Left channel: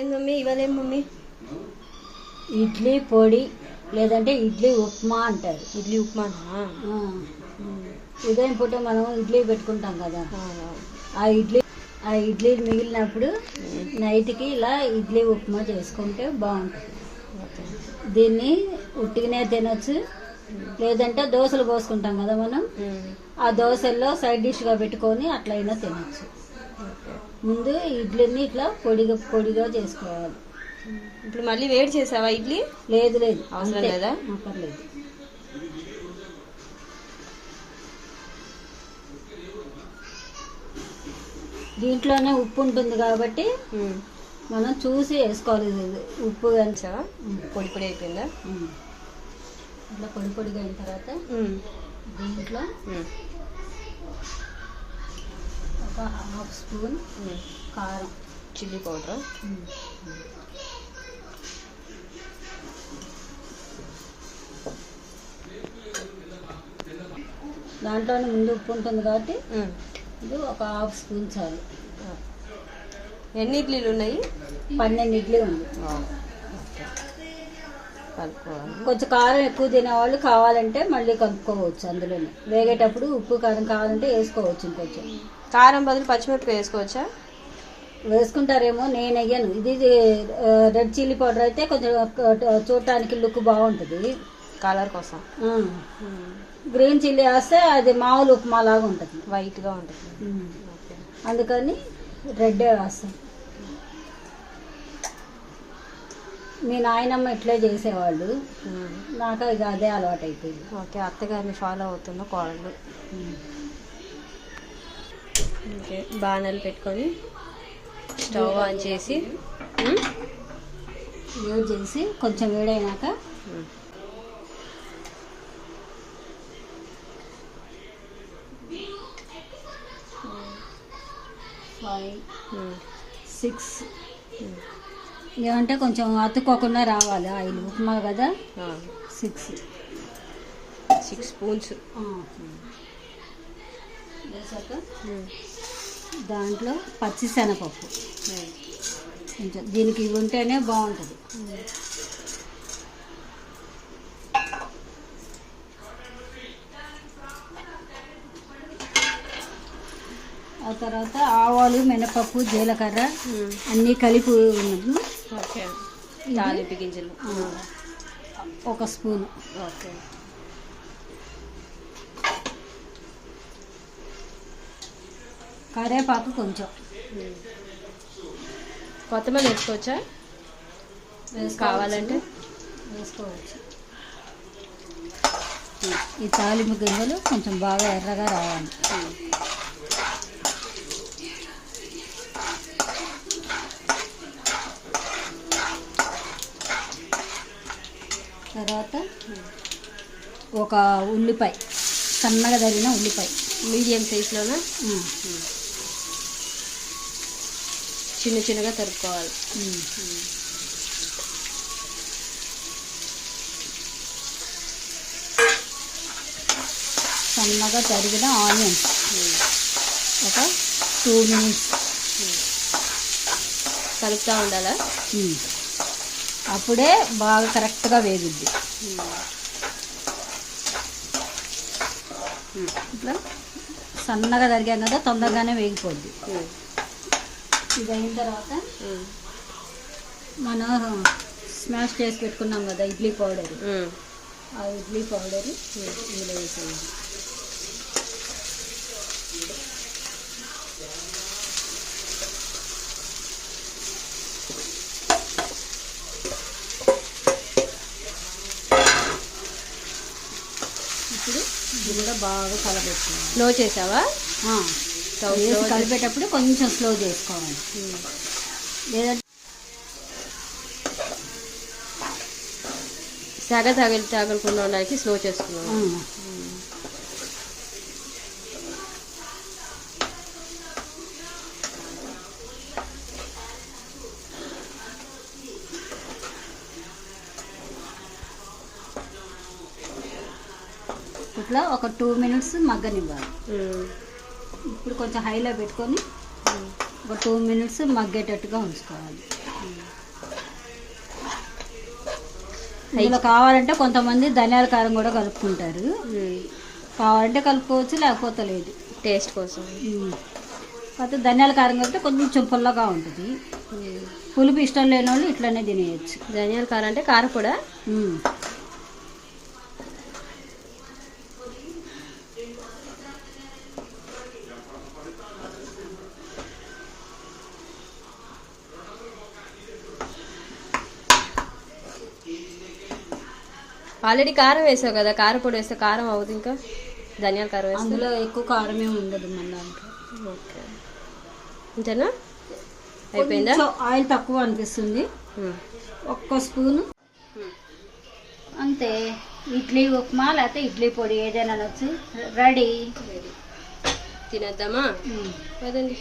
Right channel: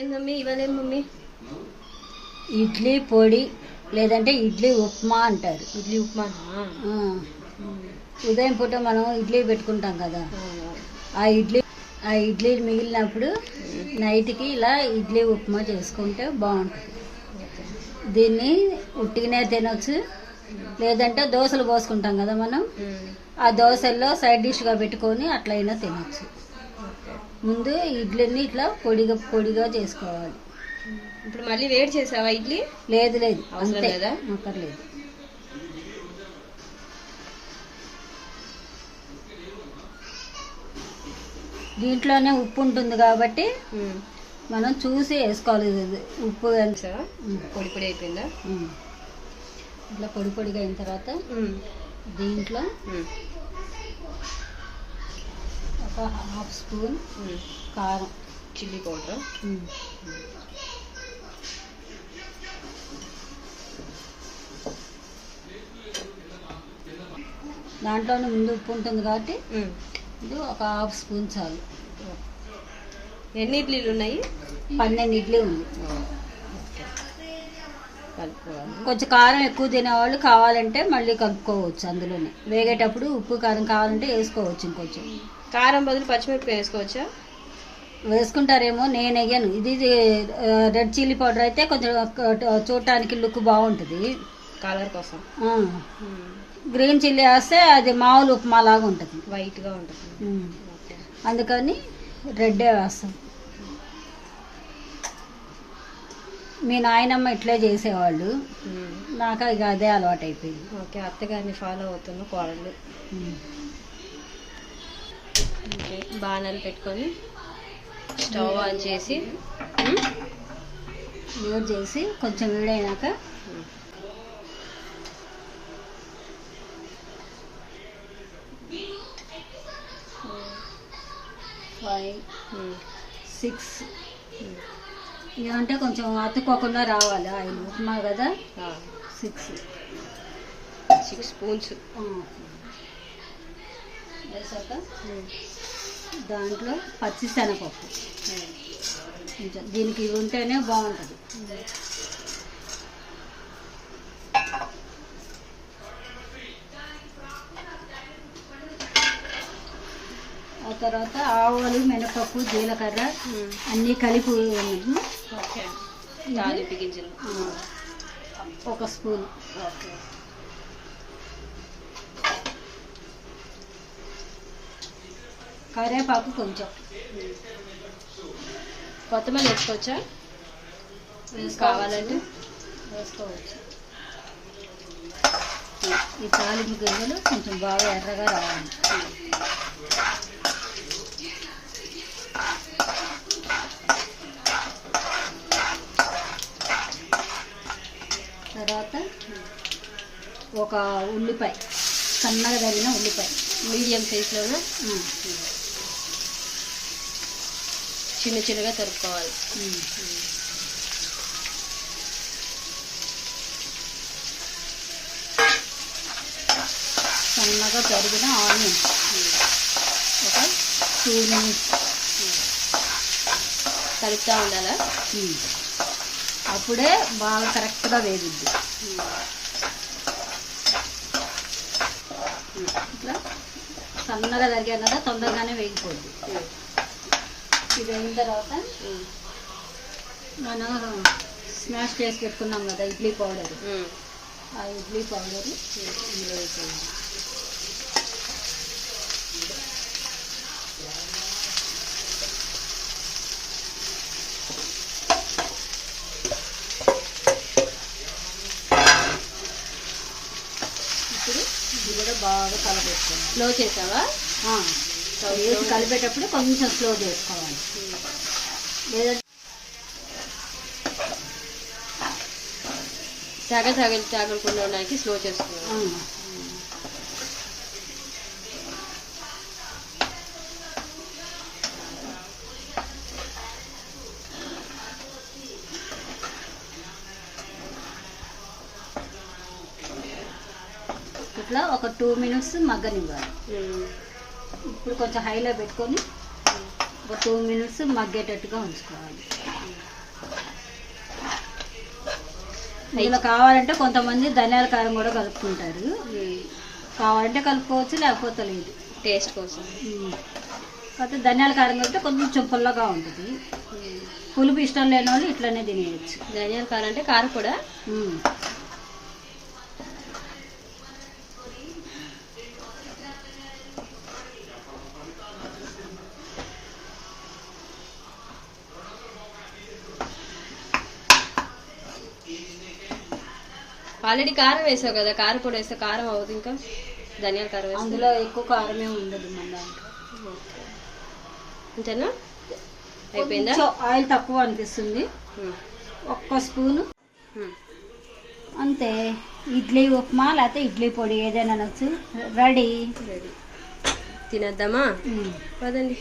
ఏం మమ్మీ ఇవాళ ఏం మమ్మీ? ఇడ్లీ పొడి లేదంటే ఇడ్లీ ఉప్మా అంటారు. ఇడ్లీ ఉప్మా. ఉదయం పూట మనం ఇడ్లీ పెట్టుకుంటాం కదా, ఆ ఇడ్లీ మిగిలినప్పుడు నైట్కి ఇలా ఇడ్లీ ఉప్మా చేసుకుంటే బాగుంటుంది. దీన్ని ఉట్టిగానే తినొచ్చు, లేదంటే దోశలు పోసుకుంటాం కదా మనం, ఆ దోశల్లో సైడ్ డిష్గా పెట్టుకొని అట్లయినా తినొచ్చు. ముందు ఇడ్లీని ఇట్లా పొడిగా చేసుకోవాలి. ఇప్పుడు మళ్ళీ వేడి చేసావా ఇడ్లీ? లేదు అవసరం లేదా? అక్కర్లేదు. దీంట్లోనే ఉప్పు ఉంటుంది కాబట్టి మనం చూసి వేసుకోవాలి. ఉప్పు పొడి పొడి అయిపోయిందా? ఇట్లా పొడిగా అయిన తర్వాత దీంట్లో ఒక హాఫ్ స్పూన్ కారం, చిల్లీ పౌడర్, దాంట్లోనే ముందు ఉప్పు ఉంటుంది కాబట్టి ఇది ఒక హాఫ్ స్పూన్ చాలు. ఎన్ని ఇడ్లీలు ఉన్నాయి? 12 ఇడ్లీ ఉంది. కలుపుకోవాలి. కొంచెం కారం ఎక్కువ తినేవాళ్ళు కావాలంటే మళ్ళీ కలుపుకోవచ్చు. అందులోనే వేగేటప్పుడు ఉప్పు కారం కావాలంటే వేసుకోవచ్చు. ఇంకొంచెం కారం బదులు పచ్చిమిరపకాయ వేసుకోవచ్చా? వేసుకుంటారేమో, నేను వేయను. ఇది రెడ్ చిల్లీ పౌడర్ అయితే కొంచెం చూడటానికి లుక్ బాగుంటుంది, కలర్ కోసం. గ్రీన్ చిల్లీ వేస్తే అది మామూలు ఉప్మా లాగా ఉంటుంది, వైట్గా ఉంటుంది. అందుకని రెడ్డే వేస్తాం. మీ నాయనమ్మ ఇట్లే చేసేవాళ్ళు, నాకు ఇక అదే అలవాటు అయిపోయింది. ఓకే, అత్తగారిని ఫాలో అవుతున్న కోడళ్ళు. ఓకే, బాణాలు పెట్టుకొని స్టవ్ ఆన్ చేసి యూజ్ చేసి కొంచెం వేడైనాక ఫైవ్ 6 ఏమంటే కొంచెం అతుక్కోకుండా రావాలి. ఆయిల్ ఉప్మా కదా, 6 స్పూన్స్ వేసాక దాంట్లో పచ్చిశనగపప్పు కొంచెం, దీనికి ఇది ఉంటేనే బాగుంటుంది. ఆ తర్వాత ఆవాలు, మినపప్పు, జీలకర్ర అన్నీ కలిపి తాలింపు గింజలు ఒక స్పూన్, కరివేపాకు కొంచెం, కొత్తమల్లి వేసుకోవచ్చా? కావాలంటే వేసుకోవచ్చు. ఈ తాలింపు గింజలు కొంచెం బాగా ఎర్రగా రావాలి. తర్వాత ఒక ఉల్లిపాయ, సన్నగా తరిగిన ఉల్లిపాయ, మీడియం సైజులోనే చిన్నగా తరుపుకోవాలి. సన్నగా తరిగిన ఆనియన్స్ ఒక 2 మినిట్స్ కలుపుతూ ఉండాలా? అప్పుడే బాగా కరెక్ట్గా వేగుద్ది. ఇట్లా సన్నగా తరిగాం కదా, తొందరగానే వేగిపోద్ది. ఇది అయిన తర్వాత మనం స్మాష్ చేసి పెట్టుకున్నాం కదా ఇడ్లీ పౌడర్, ఆ ఇడ్లీ పౌడర్ ఇందులో వేసేది. ఇప్పుడు ఇది కూడా బాగా కలపెట్టుకోవాలి. స్లో చేసావా? వేసి కలిపేటప్పుడు కొంచెం స్లో చేసుకోవాలి, లేదంటే తగలకుండా ఉండడానికి స్లో చేసుకున్నాను. ఇట్లా ఒక 2 మినిట్స్ మగ్గనివ్వాలి. ఇప్పుడు కొంచెం హైలో పెట్టుకొని ఒక 2 మినిట్స్ మగ్గేటట్టుగా ఉంచుకోవాలి. ఇందులో కావాలంటే కొంతమంది ధనియాల కారం కూడా కలుపుకుంటారు. కావాలంటే కలుపుకోవచ్చు, లేకపోతే లేదు, టేస్ట్ కోసం. కాకపోతే ధనియాల కారం కలిపితే కొంచెం పుల్లగా ఉంటుంది. పులుపు ఇష్టం లేని వాళ్ళు ఇట్లనే తినేయచ్చు. ధనియాల కారం అంటే కారం కూడా. ఆల్రెడీ కారం వేసావు కదా, కారం పొడి వేస్తే కారం అవుతుంది. ఇంకా ధనియాల కారం వేస్తే అందులో ఎక్కువ కారం ఏమి ఉండదు మన దాంట్లో. అంతేనా? అయిపోయిందా? ఆయిల్ తక్కువ అనిపిస్తుంది, 1 స్పూను అంతే. ఇడ్లీ ఉప్మా లేకపోతే ఇడ్లీ పొడి ఏదైనా వచ్చి రెడీ. తినేద్దామా? పదండి.